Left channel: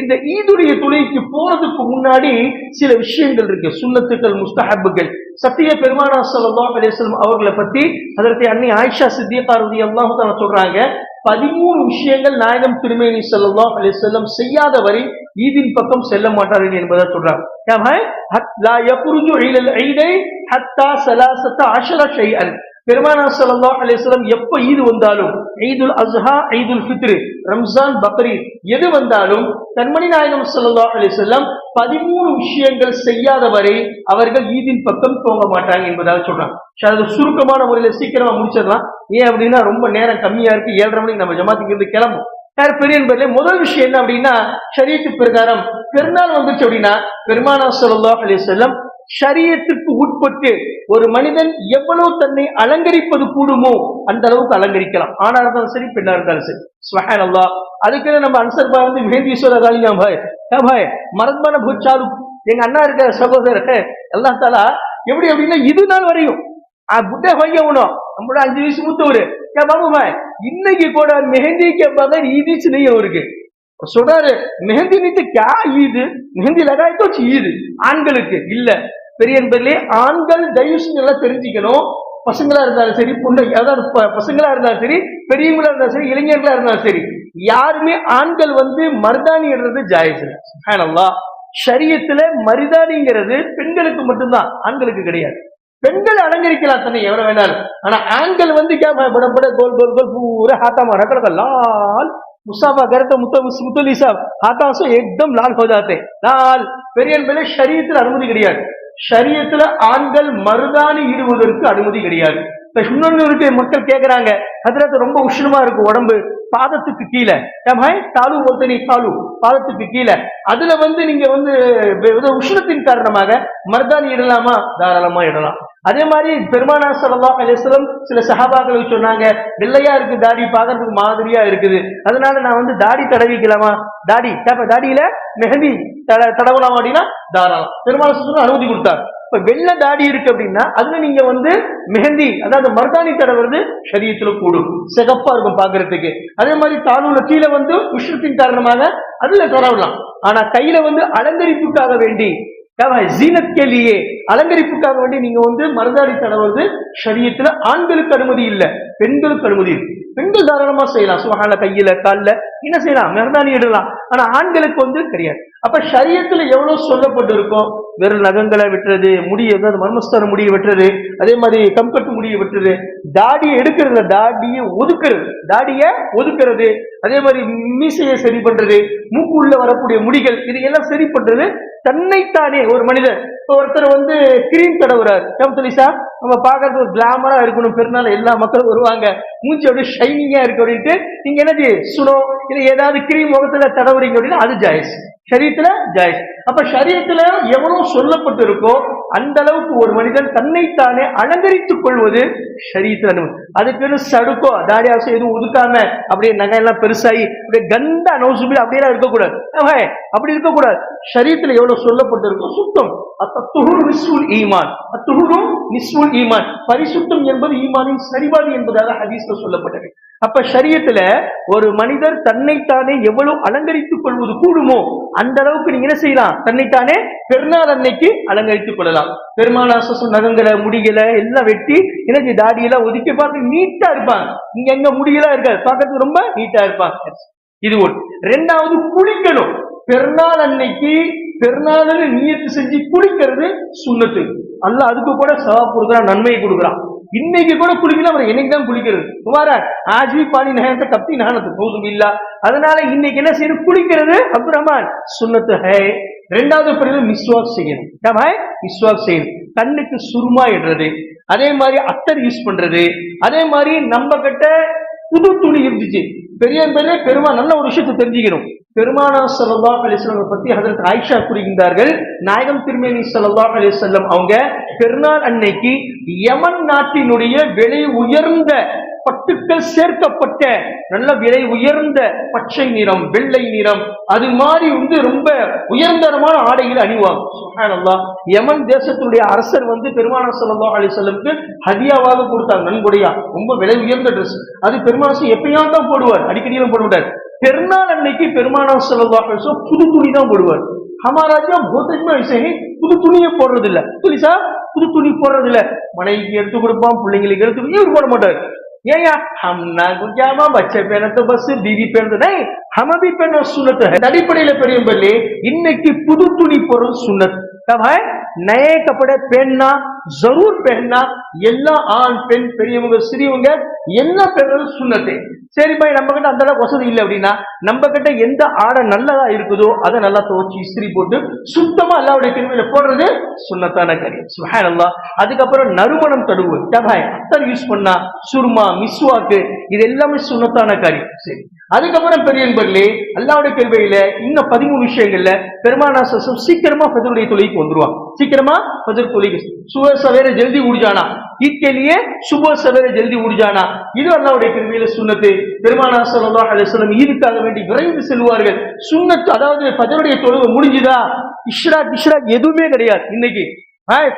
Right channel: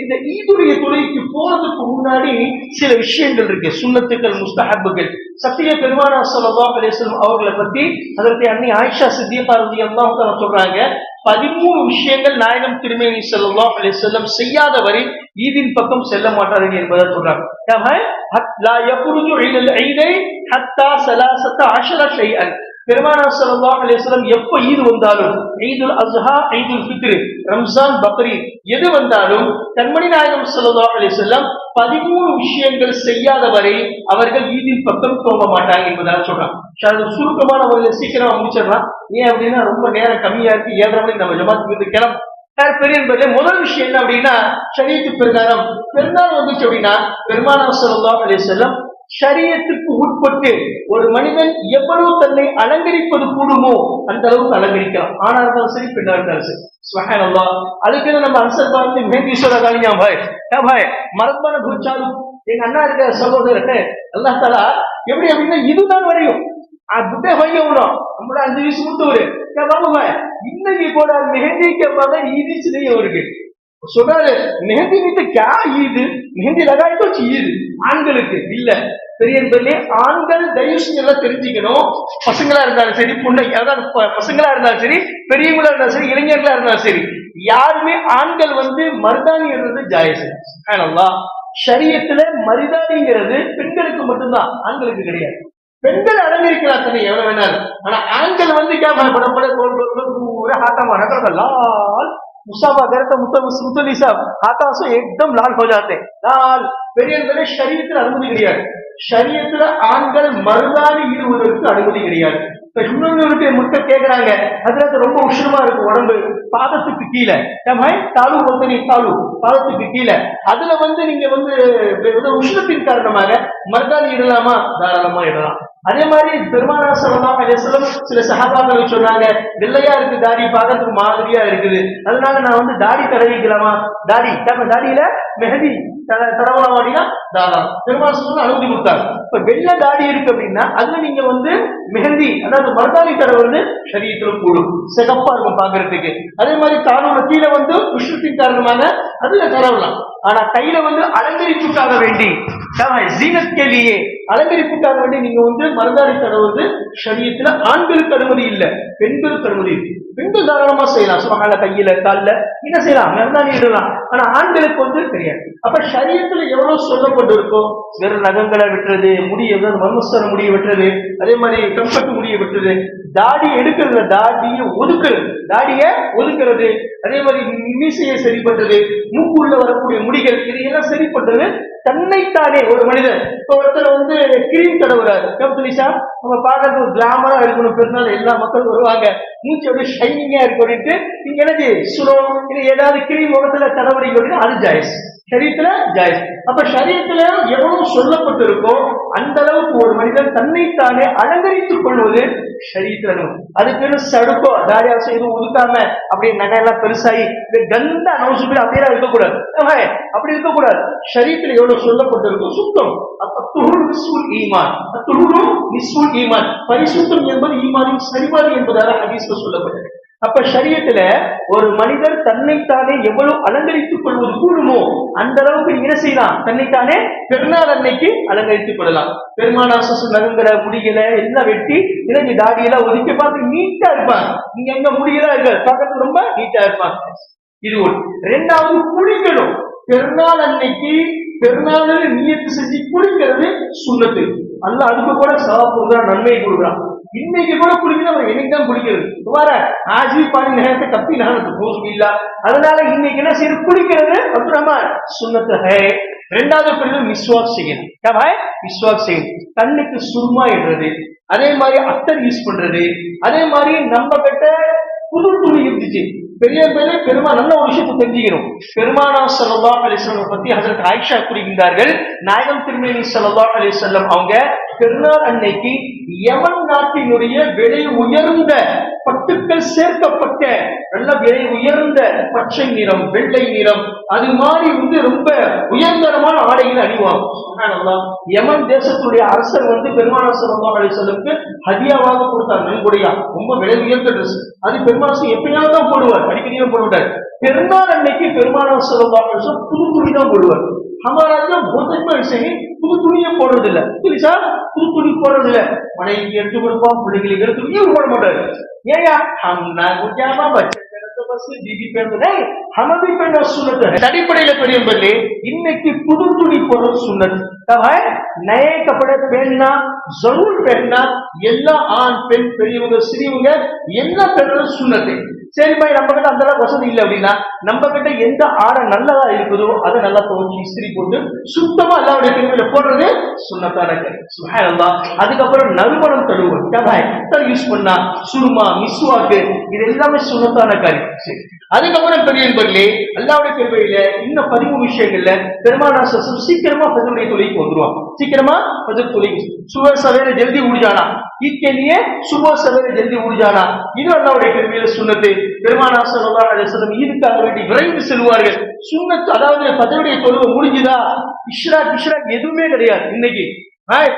இந்த ஈதுடைய தொழுகைக்கு போறதுக்கு முன்னாடி சில விஷயங்கள் இருக்கு, சுன்னத்துக்கள், முஸ்தஹப்புகள். சத்திய பெருமானார் ஸல்லல்லாஹு அலைஹி வஸல்லம் அவர்களை பத்தி அதற்கு அன்னை ஆயிஷா சித்திகா ரலியல்லாஹு அன்ஹா சொல்றாங்க, 13 விஷயங்கள் நாயகம் திருமேனி ஸல்லல்லாஹு அலைஹி வஸல்லம் செய்யாத வரை ஈதின் பக்கம் செல்ல மாட்டார்கள் என்பதை சொல்றாங்க. லா யக்ருஜு இலல் ஈதை ஹத்தா ஸலாஸத அஷர ஷைஅன். பெருமானார் ஸல்லல்லாஹு அலைஹி வஸல்லம் எப்ப ஈது வந்தாலும், ஈதுல் அஸ்ஹா, ஈதுல் ஃபித்ர், ரம்ஜான், பக்ரீத் எது வந்தாலும் கண்மணி நாயகம் ஸல்லல்லாஹு அலைஹி வஸல்லம் 13 விஷயங்கள் செய்யாத வரை அவர்கள் ஈதின் பக்கம் போக மாட்டாங்க என்பதாக சொல்றாங்க. சுருக்கமான முறையில் சீக்கிரமா முடிச்சிடலாம். ஏன் அப்படின்னா ரொம்ப நேரம் கம்மியா இருக்கு. 7:30 மணிக்கு நம்ம ஜமாத்துக்கு இருந்து கிளம்பும். பெரிய முதல் விஷயம் என்ன அப்படின்னா, ஷரியத்து பிரகாரம் பெருநாள் வந்துச்சு அப்படின்னா பெருமானார் ஸல்லல்லாஹு அலைஹி வஸல்லம் ஷரியத்துக்கு உட்பட்டு ஒரு மனிதன் எவ்வளவு தன்னை அலங்கரிப்பது கூடுமோ அந்த அளவுக்கு அலங்கரிக்கலாம். ஆனா இருந்தாலும் சரி, பெண்ணா இருந்தாலும் சரி. சுப்ஹானல்லாஹ். அதுக்கு நம்ம அன்சர் பார்த்து மேதீஸ்வர காலியா பாய் பாய் மரத்மான பூச்சாரு எங்க அண்ணா இருக்கிற சகோதரர் அல்லாஹ் தாலா எப்படி அப்படின்னா இது நாள் வரையும் புட்டை பையனும் நம்மளோட 5 வயசு மூத்தவரு பாபு பாய் இன்னைக்கு கூட மெஹந்திக்கு பார்த்தா ஈதிச்சு நெய் அவருக்கு சொல்றாரு, மெஹந்தி நீத்து கா ஈது, மெஹந்தி லகாய்க்கோ ஈது ஆண்களுக்கு இல்ல. பெரிய ஆண்கள் தயவு செஞ்சு எல்லாம் தெரிஞ்சுக்கணும். பசங்களா இருந்தாலும் சரி, பொண்ணு அதாவது பசங்களா இருந்தாலும் சரி, பெரியவங்களா இருந்தாலும் சரி, இளைஞர்களா இருந்தாலும் சரி, யாருமே ஆண்கள் மருதாணி இடுறது ஜாயிஸ். சுப்ஹானல்லாஹ். ஷரியத்துல மருதாணிங்கிறது பெண்களுக்கு மட்டும்தான், ஆண்களுக்கு கிடையாது. பெண்கள் அலங்கரிக்கலாம் தானே எவ்வளவு வேணாலும். ஆனா ஆண்கள் பட கோல் கோல் கோல் பூரா हाथा मारा लाल मुसाफा करते मुतली साहब हाथा से एकदम लाल हो जाते लाल. பெரிய ஷரியத்துல அனுமதி கிடையாது. ஷரியத்துல ஆண்கள் மருதாணி இடுவதற்கு அனுமதி கிடையாது. இப்ப இன்னொன்னு முட்டை கேட்கிறாங்க, அதுல ரொம்ப உஷ்ணமா இருக்கு உடம்பு, பாதத்துக்கு கீழே தாலு ஒருத்தனி தாலு பாதத்துக்கு கீழே, அதுல நீங்க உஷ்ணத்தின் காரணமாக மருதாணி இடலாமா? தாராளமா இடலாம். அதே மாதிரி பெருமானார் ஸல்லல்லாஹு அலைஹி வஸல்லம் சில சஹாபாக்கள் சொன்னாங்க, வெள்ளையா இருக்கு தாடி, பார்க்கறதுக்கு மாதிரியா இருக்குது, அதனால நான் தாடி தடவிக்கலாமா? தாடியில மெஹந்தி தடவலாம் அப்படின்னா தாராளம். பெருமானார் ஸல்லல்லாஹு அனுமதி கொடுத்தாங்க. இப்ப வெள்ளை தாடி இருக்கு அப்படின்னா அதுல நீங்க மெஹந்தி அதாவது மருதாணி தடவுறது ஷரியத்துல கூடும், சிகப்பா இருக்கும் பாக்குறதுக்கு. அதே மாதிரி தானோட கீழே உஷ்ணத்தின் காரணமாக அதுல தடவலாம். ஆனா கையில அலங்கரிப்புக்காக வேண்டி ஜீனத்கேலியே அலங்கரிப்புக்காக வேண்டி நீங்க மருதாணி தடவுறது ஷரியத்துல ஆண்களுக்கு அனுமதி இல்ல, பெண்களுக்கு அனுமதி இருக்கு. பெண்கள் தாராளமா செய்யலாம், சுபஹான கையில கால்ல என்ன செய்யலாம், மருதாணி இடலாம். ஆனா ஆண்களுக்கு தெரியாது. அப்ப ஷரியத்துல எவ்வளவு சொல்லப்பட்டு இருக்கோ, வெறும் நகங்களை விட்டுறது, முடிய மர்மஸ்தர முடிய விட்டுறது, அதே மாதிரி கம்ஃபர்ட் முடிய விட்டுறது, தாடியை எடுக்கிறது, தாடியை ஒதுக்குறது, அதே மாதிரி மீசையை சரி பண்றது, மூக்குள்ள வரக்கூடிய முடிகள், இதையெல்லாம் சரி பண்றது தன்னைத்தானே ஒரு மனிதர். இப்போ ஒருத்தர் கிரீம் தடவுறாரு, நம்ம பாக்குறது ஒரு கிளாமரா இருக்கணும், பெருநாள் எல்லா மக்களும் வருவாங்க, மூச்சு அப்படியே ஷைனிங்கா இருக்கு அப்படின்ட்டு நீங்க என்னது சுரம் இது ஏதாவது கிரீம் முகத்துல தடவுறீங்க அப்படின்னா அது ஜாயிஸ், ஷரியத்துல ஜாயிஸ். அப்ப ஷரியத்துல எவ்வளவு சொல்லப்பட்டு இருக்கோ அந்த அளவுக்கு ஒரு மனிதன் தன்னைத்தானே அலங்கரித்துக் கொள்வது ஷரியத்துல அனுமதி. அதுக்கு சடுக்கோ தாடியாசம் எதுவும் ஒதுக்காம அப்படியே நகையெல்லாம் பெருசாகி அப்படியே கந்த நோசுபி அப்படியெல்லாம் இருக்கக்கூடாது. அப்படி இருக்கக்கூடாது. ஷரியத்துல எவ்வளவு சொல்லப்பட்டு இருக்கோ சுத்தம். ஈமான் பரிசுத்தம் என்பது ஈமானின் சரிபாதி என்பதாக ஹதீஸ்ல சொல்லப்பட்டது. அப்ப ஷரியத்துல ஒரு மனிதர் தன்னைத்தானே எவ்வளவு அலங்கரித்துக் கொள்வது கூடுமோ அந்த அளவுக்கு நீங்க என்ன செய்யலாம், தன்னைத்தானே பெருநாள் அன்னைக்கு அலங்கரித்துக் கொள்ளலாம். பெருமானார் நகங்கிற முடிகளை எல்லாம் வெட்டி எனக்கு தாடியெல்லாம் ஒதுக்கி பார்த்து நீட்டா இருப்பாங்க. இங்க எங்க முடியெல்லாம் இருக்காது, பார்க்கறதுக்கு ரொம்ப நீட்டா இருப்பாங்க. இது ஒன்று. 2வது குளிக்கணும். பெருநாள் அன்னைக்கு பெருநாள் நியத்து செஞ்சு குளிக்கிறது சுன்னத்து. அல்லாஹ் அதுக்கு கூட சவாப் கொடுக்குறான், நன்மையை கொடுக்குறான். இன்னைக்கு கூட குளிக்கணும், என்னைக்குதான் குளிக்கிறது ஆஜி பானி நேரத்தை கத்தி நானது போதும் இல்ல. அதனால இன்னைக்கு என்ன செய்யணும், குளிக்கிறது அப்துல் ரஹ்மான் சுன்னத்து ஹை. 2வது மிஸ்வாக் செய்யணும். மிஸ்வாக் செய்யணும். கண்ணுக்கு சுருமா இடுறது, அதே மாதிரி அத்தர் யூஸ் பண்றது, அதே மாதிரி நம்ம கிட்ட புது துணி இருந்துச்சு. பெருமா நல்ல ஒரு விஷயத்தை தெரிஞ்சுக்கணும். பெருமானார் ஸல்லல்லாஹு அலைஹி வஸல்லம் பத்தி ஹஜ்ரத் ஆயிஷா கூறுகின்றார்கள், நாயகம் திருமேனி ஸல்லல்லாஹு அலைஹி வஸல்லம் அவங்க பெருநாள் அன்னைக்கு யமன் நாட்டினுடைய விலை உயர்ந்த பட்டுக்கள் சேர்க்கப்பட்ட நல்ல விலை உயர்ந்த பச்சை நிறம், வெள்ளை நிறம், அது மாதிரி ரொம்ப உயர்ந்தரமான ஆடைகள் அணிவாங்க. சுப்ஹானல்லாஹ். யமன் தேசத்துடைய அரசர் பெருமானார் ஸல்லல்லாஹு அலைஹி வஸல்லம்க்கு ஹதியாவாக கொடுத்தார், நன்கொடையா. ரொம்ப விலை உயர்ந்த ட்ரெஸ். அது பெருமானார் எப்பயாவது தான் போடுவார், அடிக்கடியும் போட மாட்டார். பெருநாள் அன்னைக்கு பெருமானார் ஸல்லல்லாஹு அலைஹி வஸல்லம் புது துணி தான் போடுவார். ஹமாராஜா போதமா விஷயம் புது துணியை போடுறது இல்ல. புதுசா புது துணி போடுறது இல்ல. மனைவிக்கு எடுத்து கொடுப்போம், பிள்ளைங்களுக்கு எடுத்து இவர் போட மாட்டாரு. ஏயா ஹம்னா குஜாமா பச்சை பேனத்தை பஸ் बीवी पहनते नहीं, हम भी पहनो सुन्नत है. அடிப்படையில பெரியவர்களே இன்னைக்கு புது துணி போடுறது சுன்னத். तब है नए कपड़े पहनना जरूर पहनना. எல்லா ஆண் பெண் பெரியவங்க சிறியவங்க எல்லாம் பண்றது சுன்னத்து. சரி பாய், நம்ம கிட்ட அந்த அளவுக்கு வசதி இல்லை அப்படின்னா நம்ம கிட்ட எந்த ஆடை நல்லதா இருக்குதோ அதை நல்லா துவச்சி இஸ்திரி போட்டு சுத்தமா அல்லாஹ்வுடைய திருவிழா போடுறது சுன்னத்தான காரியம். சுப்ஹானல்லாஹ். அதுக்கப்புறம் நறுமணம் தடவு யூஸ் பண்ணா சுருமா மிஸ்வாக்கு இது எல்லாமே சுன்னத்தான காரியம். சரி, அதுக்கப்புறம் பெரியவர்களே அல்லாஹ்வுடைய கிருபையில இன்னும் 13 விஷயங்கள்ல பெருமானார் ஸல்லல்லாஹு சீக்கிரமா ஃபஜ்ருடைய தொழுகைக்கு வந்துருவாங்க. சீக்கிரமா ஃபஜ்ர் தொழுகை सुबह सवेरे जल्दी उठ जाना, ईद के लिए सुबह सवेरे जल्दी उठ जाना இது அல்லாஹ்வுடைய கிருபையில சுன்னத்து. பெருமானார் ஸல்லல்லாஹு அலைஹி வஸல்லம் ஈதுக்காக வேண்டி விரைந்து செல்வார்கள். சுன்னத் அதாவது ஃபஜ்ருடைய தொழுகை முடிஞ்சுதா இஷ்ராக் எதுவுமே கிடையாது. இன்னைக்கு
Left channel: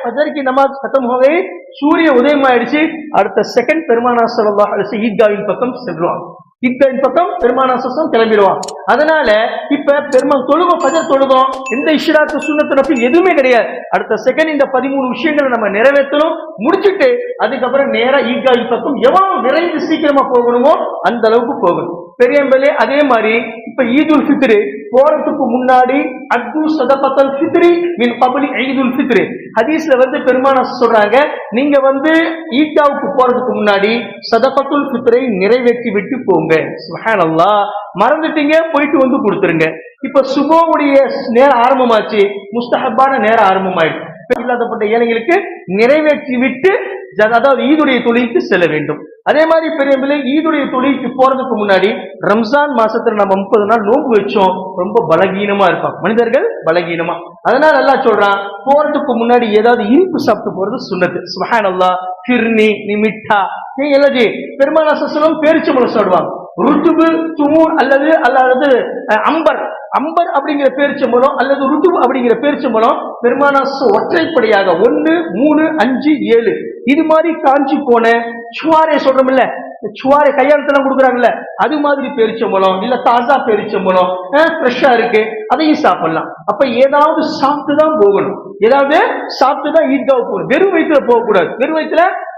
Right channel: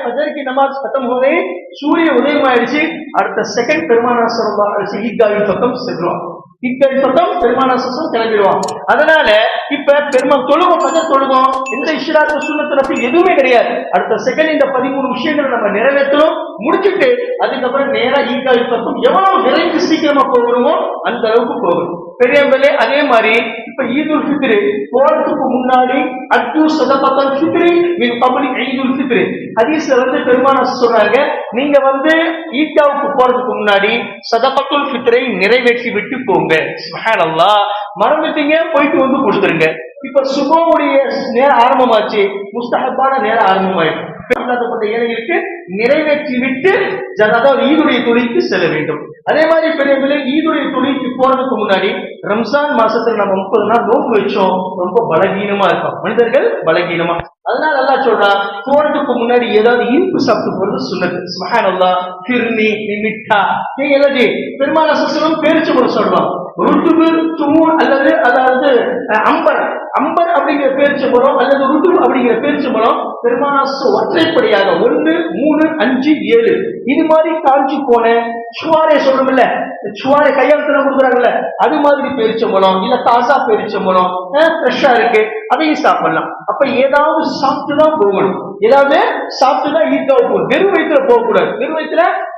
फजर की नमाज खत्म हो गई, सूर्य उदயம் ஆயிடுச்சு, அடுத்த செகண்ட் பெருமானார் ஸல்லல்லாஹு அலைஹி வஸல்லம் ஈத்காவின் பக்கம் செல்றோம். ஈத்காவின் பக்கம் பெருமானார் ஸல்லல்லாஹு கிளம்பிடுவோம். அதனால இப்ப பெருமாள் தொழுவோம், ஃபஜர் தொழுவோம், எந்த இஷ்ராத் சுன்னத் நஃபில் எதுவுமே கிடையாது. அடுத்த செகண்ட் இந்த 13 விஷயங்களை நம்ம நிறைவேற்றணும். முடிச்சிட்டு அதுக்கப்புறம் நேரா ஈத்காவின் பக்கம் எவ்வளவு விரைந்து சீக்கிரமா போகணுமோ அந்த அளவுக்கு போகணும். பெரியவர்களே அதே மாதிரி இப்ப ஈதுல் ஃபித்ர் போறதுக்கு முன்னாடி அத்து சதகத்துல் ஃபித்ர் மின் கப்லி ஈதுல் ஃபித்ர் ஹதீஸ்ல பெருமானார் சொல்றாங்க, நீங்க ஈத்காவுக்கு போறதுக்கு முன்னாடி சதகத்துல் ஃபித்ரை நிறைவேற்றி விட்டு போங்க. சுப்ஹானல்லாஹ். மறந்துட்டீங்க போயிட்டு கொடுத்துருங்க. இப்ப சுபஹுடைய நேரம் ஆரம்பமாச்சு, முஸ்தஹப்பான நேரம் ஆரம்பமாயிடுச்சு. ஏழைகளுக்கு நிறைவேற்றி விட்டு அதாவது ஈதுடைய தொழுகைக்கு செல்ல வேண்டும். அதே மாதிரி பெரியவர்களே ஈதுடைய தொழுகைக்கு போறதுக்கு முன்னாடி ரம்ஜான் மாசத்துல நம்ம 30 நாள் நோன்பு வச்சோம், ரொம்ப பலகீனமா இருப்போம் மனிதர்கள், பலகீனமா. அதனால அல்லாஹ் சொல்றான் போறதுக்கு முன்னாடி ஏதாவது இனிப்பு சாப்பிட்டு போறது சுன்னத்து. சுப்ஹானல்லாஹ். ஃபிர்னி நிமிட்டா நீங்க எல்லாஜி பெருமானார் ஸல்லல்லாஹு அலைஹி வஸல்லம் பேரிச்சம்பழம் சாப்பிடுவாங்க. ருத்துபு துமூன் அதாவது அம்பர் அப்படிங்கிற பேரிச்சம்பழம் அல்லது ருத்துபு அப்படிங்கிற பேரிச்சம்பழம் பெருமானார் ஒற்றைப்படையாக 1, 3, 5, 7 இது மாதிரி காஞ்சி போன சுவாரே சொல்றோம்ல, சுவாரை கையாளத்தெல்லாம் கொடுக்குறாங்கல்ல, அது மாதிரி பேரிச்சம்பழம் இல்ல தாசா பேரிச்சம்பழம் ஃப்ரெஷ்ஷா இருக்கு, அதையும் சாப்பிடலாம். அப்ப ஏதாவது சாப்பிட்டுதான் போகணும், ஏதாவது சாப்பிட்டுதான் ஈத்காவுக்கு போகணும். வெறும் வயிற்றுல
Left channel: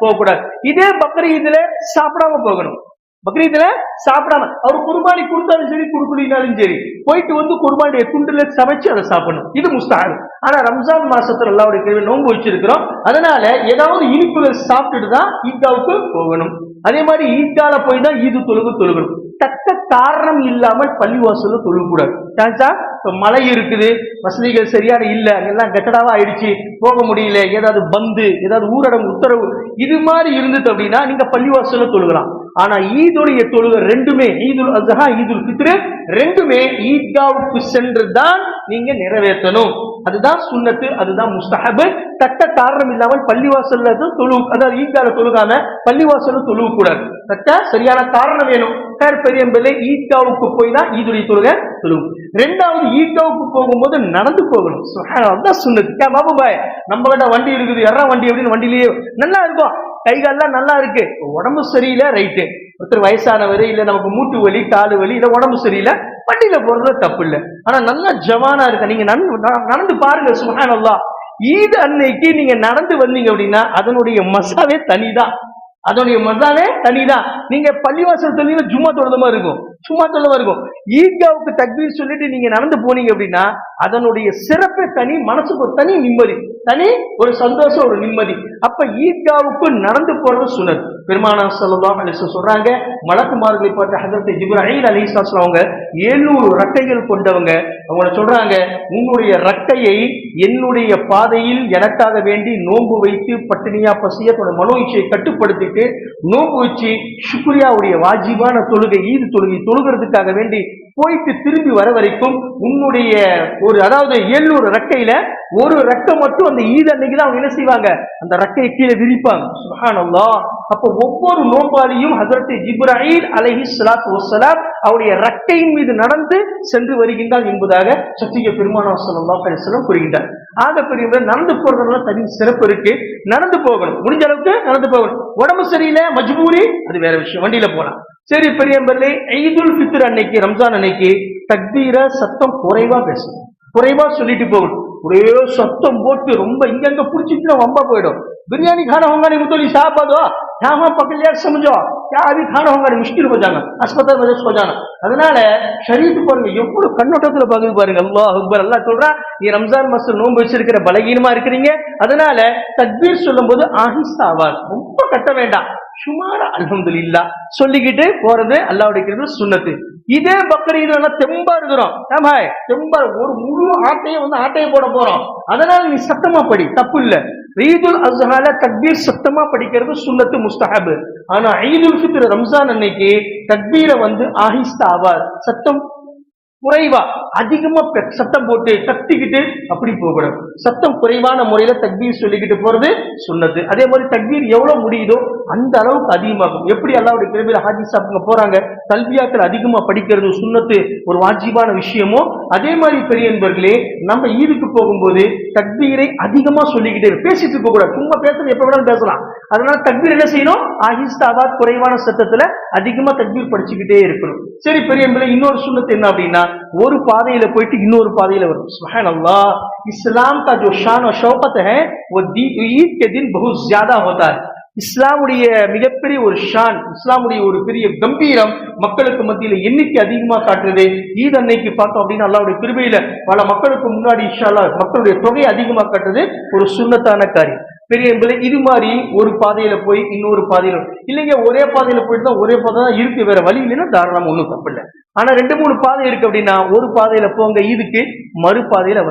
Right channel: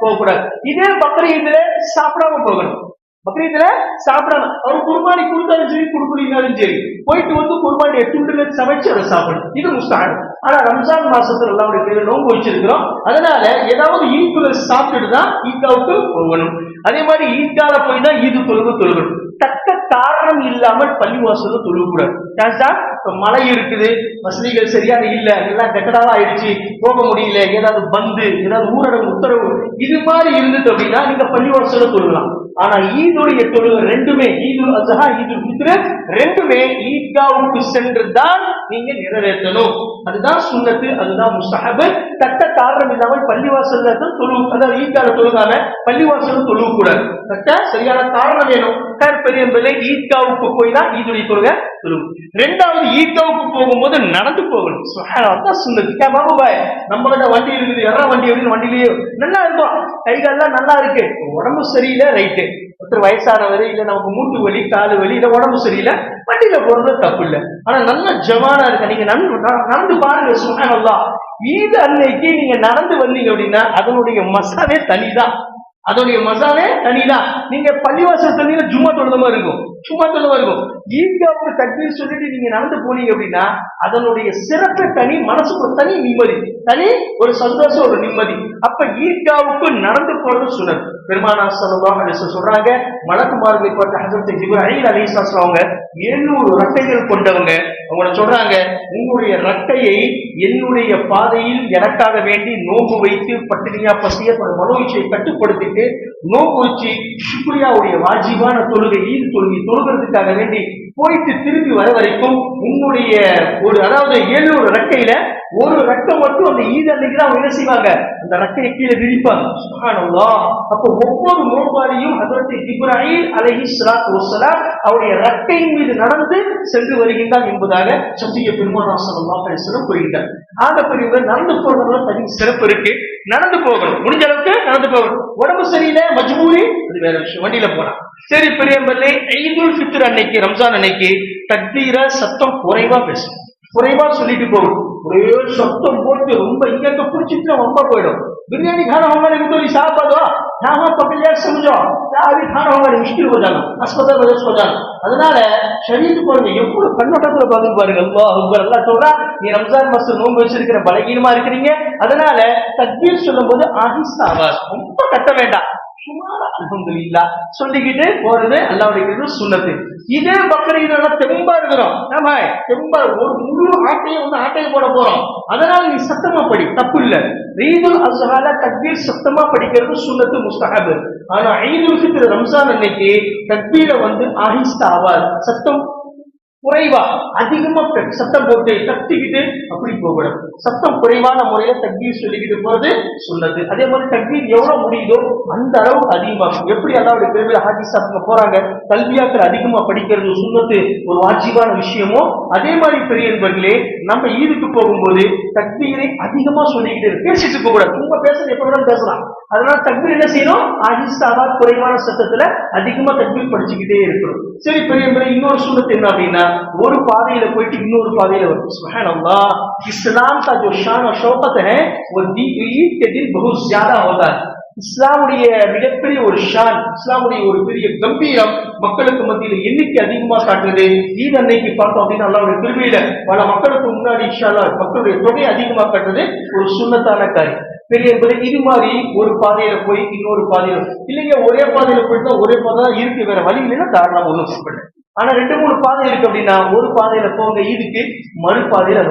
போகக்கூடாது. இதே பக்ரீத்ல சாப்பிடாம போகணும். பக்ரீத்ல சாப்பிடாம அவர் குர்பானி கொடுத்தாலும் சரி கொடுக்கலினாலும் சரி போயிட்டு குர்பானிய துண்டுல சமைச்சு அதை சாப்பிடணும். இது முஸ்தஹப். ஆனா ரம்ஜான் மாசத்துல அல்லாஹ்வுடைய கிருபையில நோன்பு வச்சிருக்கிறோம். அதனால ஏதாவது இனிப்புகள் சாப்பிட்டுட்டு தான் ஈத்காவுக்கு போகணும். அதே மாதிரி ஈத்கால போய் தான் ஈது தொழுகணும். தக்க காரணம் இல்லாமல் பள்ளிவாசல்ல தொழுகக்கூடாது. இப்ப மழை இருக்குது, வசதிகள் சரியான இல்ல, எல்லாம் கட்டடாவா ஆயிடுச்சு, போக முடியல, ஏதாவது ஏதாவது ஊரடங்கு உத்தரவு இது மாதிரி இருந்தது அப்படின்னா நீங்க பள்ளிவாசல்ல தொழுகலாம். ஆனா ஈதுடைய தொழுகை ரெண்டுமே ஈதுல் அஸ்ஹா ஈதுல் ஃபித்ர் ரெண்டுமே ஈத்காவுக்கு சென்று தான் நீங்க நிறைவேற்றணும். அதுதான் சுன்னத்து, அதுதான் முஸ்தஹப். தக்க காரணம் இல்லாமல் பள்ளிவாசல்ல அதாவது ஈத்கால தொழுகாம பள்ளிவாசல்ல தொழுக கூடாது. தக்க சரியான காரணம் வேணும். பெரியம்பலை ஈத்காவுக்கு போய் தான் ஈதுடைய தொழுகை தொழுகும். ரெண்டாவது ஈத்காவுக்கு போகும்போது நடந்து போகணும். சுப்ஹானல்லாஹ் சுன்னத்து. பாபு பாய் நம்ம கிட்ட வண்டி இருக்குது, யாரா வண்டி அப்படின்னு வண்டியிலேயே நல்லா இருக்கும், கைகால்லாம் நல்லா இருக்கு, உடம்பு சரியில்லை, ரைட்டு. ஒருத்தர் வயசானவரு இல்ல நமக்கு மூட்டு வலி காலு வலி இல்ல உடம்பு சரியில்லை, வண்டியில போறது தப்பு இல்லை. ஆனா நல்லா ஜவானா இருக்க நீங்க நடந்து பாருங்க. சுப்ஹானல்லாஹ். ஈது அன்னைக்கு நீங்க நடந்து வந்தீங்க அப்படின்னா அதனுடைய மசாவே தனிதான். நீங்க பள்ளிவாசல் தண்ணீங்க ஜும்மா தொழுதமா இருக்கும். ஈத்காவுக்கு தக்பீர் சொல்லிட்டு நீங்க நடந்து போனீங்க அப்படின்னா அதனுடைய சிறப்பு தனி, மனசுக்கு ஒரு தனி நிம்மதி, தனி ஒரு சந்தோஷம், ஒரு நிம்மதி. அப்ப ஈத்காவுக்கு நடந்து போறது சுன்னத். பெருமானார் ஸல்லல்லாஹு அலைஹி வஸல்லம் சொல்றாங்க, மலக்குமார்களை பற்றி ஹஜ்ரத் ஜிப்ரீல் அலைஹிஸ்ஸலாம் அவங்க 700 ரெக்கைகள் கொண்டவங்க. அவங்க சொல்றாங்க, உங்களுடைய ரெக்கையை என்னுடைய பாதையில் எனக்காக வேண்டி நோன்பு வைத்து பட்டினியா பசிய மனோ இச்சையை கட்டுப்படுத்திட்டு நோன்பு வச்சு சுக்ரியாவுடைய வாஜிபான தொழுகை ஈது தொழுகை தொழுகிறதுக்காக வேண்டி போயிட்டு திரும்பி வர வரைக்கும் உன்னுடைய அதாவது 700 ரெக்கையில ஒரு ரெக்கை மட்டும் அந்த ஈத் அன்னைக்கு தான் அவங்க என்ன செய்வாங்க, அந்த ரெக்கையை கீழே விரிப்பாங்க. சுப்ஹானல்லாஹ். அப்போ ஒவ்வொரு நோம்பாளியும் ஹஜ்ரத் ஜிப்ராயில் அலைஹிஸ்ஸலாத்து வஸ்ஸலாம் அவருடைய ரெக்கையின் மீது நடந்து சென்று வருகின்றார் என்பதாக சத்திய பெருமானார் ஸல்லல்லாஹு அலைஹி வஸல்லம் கூறுகின்றார். ஆக பெரியவர் நடந்து போறதுனால தனி சிறப்பு இருக்கு. நடந்து போகணும், முடிஞ்ச அளவுக்கு நடந்து போகணும். உடம்பு சரியில்லை, மஜ்பூரி, அது வேற விஷயம், வண்டியில போலாம். சரி பெரியவர்களே, ஈதுல் ஃபித்ர் அன்னைக்கு, ரம்ஜான் அன்னைக்கு தக்பீர சத்தம் குறைவா பேசணும், குறைவா சொல்லிட்டு போகணும். ஒரே சத்தம் போட்டு ரொம்ப இங்க புடிச்சிட்டு வம்பா போயிடும். बिरयानी खाना होगा नहीं तो हिसाब बदो यहाँ पकड़ लिया समझो क्या अभी खाना होगा मुश्किल हो जाना अस्पताल वजह हो जाना அதனால ஷரீத் பாருங்க எவ்வளவு கண்ணோட்டத்துல பதில் பாருங்க. அல்லாஹ் அக்பர். அல்லாஹ் சொல்றா, நீ ரம்ஜான் மாசம் நோன்பு வச்சிருக்கிற பலகீனமா இருக்கிறீங்க, அதனால தக்பீர் சொல்லும் போது ஆஹிஸ்தா ஆவாஸ், ரொம்ப கட்ட வேண்டாம், சுமாரா அல்ஹம்துலில்லாஹ் சொல்லிக்கிட்டு போறது அல்லாஹ்வுடைய சுன்னத்து. இதே பக்ரீத்ல தெம்பா இருக்கிறோம், ஆமா தெம்பா ஒரு முழு ஆட்டையை போட போறோம், அதனால நீ சத்தமா படி, தப்பு இல்ல. ஈதுல் அஸ்ஹால தக்பீர் சத்தமா படிக்கிறது சுன்னத்து, முஸ்தஹப். ஆனா ஈதுல் ஃபித்ர் ரம்ஜான் அன்னைக்கு தக்பீரை ஆஹிஸ்தா ஆவார், சத்தம் குறைவா, அதிகமா சத்தம் போட்டு கத்திக்கிட்டு அப்படி போகணும். சத்தம் குறைவான முறையில தக்பீர் சொல்லிக்கிட்டு போறது சுன்னத்து. அதே மாதிரி தக்பீர் எவ்வளவு முடியுதோ அந்த அளவுக்கு அதிகமாகும். எப்படி அல்லாஹ்வுடைய பெரிய ஹதீஸ் போறாங்க, கல்வியாக்கள் அதிகமா படிக்கிறது சுன்னத்து, ஒரு வாஜிபான விஷயமோ, அதே மாதிரி பெரியவர்களே நம்ம ஈதுக்கு போகும்போது தக்பீரை அதிகமா சொல்லிக்கிட்டு பேசிட்டு போக கூடாது. சும்மா பேசுறது எப்ப வேணாலும் பேசலாம். அதனால தக்பீர் என்ன செய்யணும், ஆஹிஸ்தாவா குறைவான சத்தத்துல அதிகமா தக்பீர் படிச்சுக்கிட்டே இருக்கணும். சரி பெரியவர்களே, இன்னொரு சுன்னத்து என்ன அப்படின்னா, ஒரு பாதையில போயிட்டு இன்னொரு பாதையில வரும். சுப்ஹானல்லாஹ். இஸ்லாம் का जो शान और शौकत है वो ईद के दिन बहुत ज्यादा होता है. இஸ்லாமுடைய மிகப்பெரிய ஒரு ஷான், இஸ்லாமுடைய ஒரு பெரிய கம்பீரம் மக்களுக்கு மத்தியில எண்ணிக்கை அதிகமா காட்டுறது ஈத் அன்னைக்கு பார்த்தோம் அப்படின்னா அல்லாஹ்வுடைய கிருபையில பல மக்களுக்கு முன்னாடி இன்ஷா அல்லாஹ் மக்களுடைய தொகை அதிகமா காட்டுறது ஒரு சுன்னத்தான காரியம். பெரிய என்பது இது மாதிரி ஒரு பாதையில போய் இன்னொரு பாதையில இல்லைங்க, ஒரே பாதையில போயிட்டு ஒரே பாதை தான் இருக்கு, வேற வழி இல்லைன்னா தாராளமா ஒண்ணும் தப்பில்லை. ஆனா 2-3 பாதை இருக்கு அப்படின்னா ஒரு பாதையில போங்க ஈதுக்கு, மறு பாதையில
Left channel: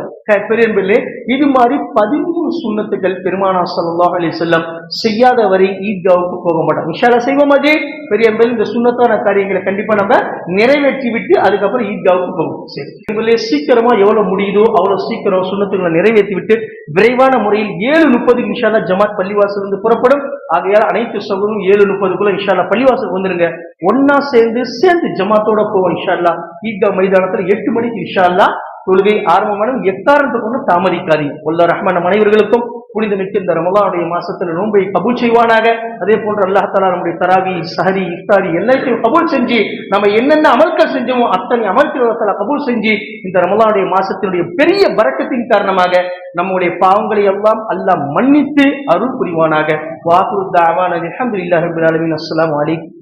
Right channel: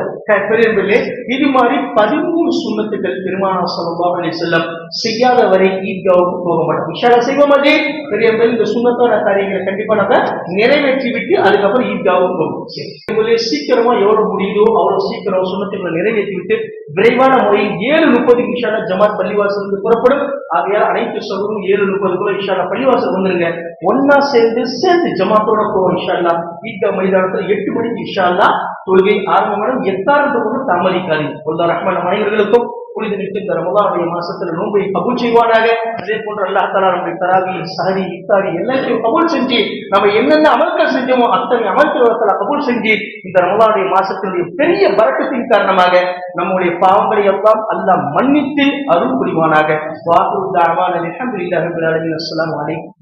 பெரியவர்களே இது மாதிரி 13 சுன்னத்துக்கள் பெருமானார் ஸல்லல்லாஹு அலைஹி வஸல்லம் செய்யாத வரை ஈத்காவுக்கு போக மாட்டோம். இன்ஷா அல்லாஹ் செய்வோம். அதே பெரியவர்கள் இந்த சுன்னத்தான காரியங்களை கண்டிப்பா நம்ம நிறைவேற்றி விட்டு அதுக்கப்புறம் ஈத்காவுக்கு போகும். சரி சீக்கிரமா எவ்வளவு முடியுதோ அவ்வளவு சீக்கிரம் சுன்னத்துக்களை நிறைவேற்றி விட்டு விரைவான முறையில் 7:30 இன்ஷா அல்லாஹ் ஜமாத் பள்ளிவாசல் இருந்து புறப்படும். ஆகையால் அனைத்து சகோதரரும் 7:30 இன்ஷா அல்லாஹ் பள்ளிவாசல் வந்துருங்க. ஒன்னா சேர்ந்து ஜமாத்தோட போவோம் இன்ஷா அல்லாஹ். ஈத்கா மைதானத்துல 8 மணிக்கு இன்ஷா அல்லாஹ் தொழுகை ஆரம்பமான எக்காரணத்தை கொண்டு தாமதிக்காதீங்க. வல்ல ரஹ்மான் அனைவர்களுக்கும் புனித மிக்க இந்த ரமலானுடைய மாசத்துல நோன்பை கபூல் செய்வானாக. அதே போன்று அல்லாஹ் தஆலா நம்முடைய தராவி, சஹரி, இஃப்தாரி எல்லாத்தையும் கபூல் செஞ்சு நம்ம என்னென்ன அமல்கள் செஞ்சோமோ அத்தனை அமல்களை கபூல் செஞ்சு இந்த ரமலானுடைய மாசத்தினுடைய பெரிய பரக்கத்தின் காரணமாக நம்முடைய பாவங்களை எல்லாம் அல்லாஹ் மன்னித்து அருள் புரிவானாக. வாகுரு தஅவானா அல்ஹம்துலில்லாஹி ரப்பில் ஆலமீன். அஸ்ஸலாமு அலைக்கும்.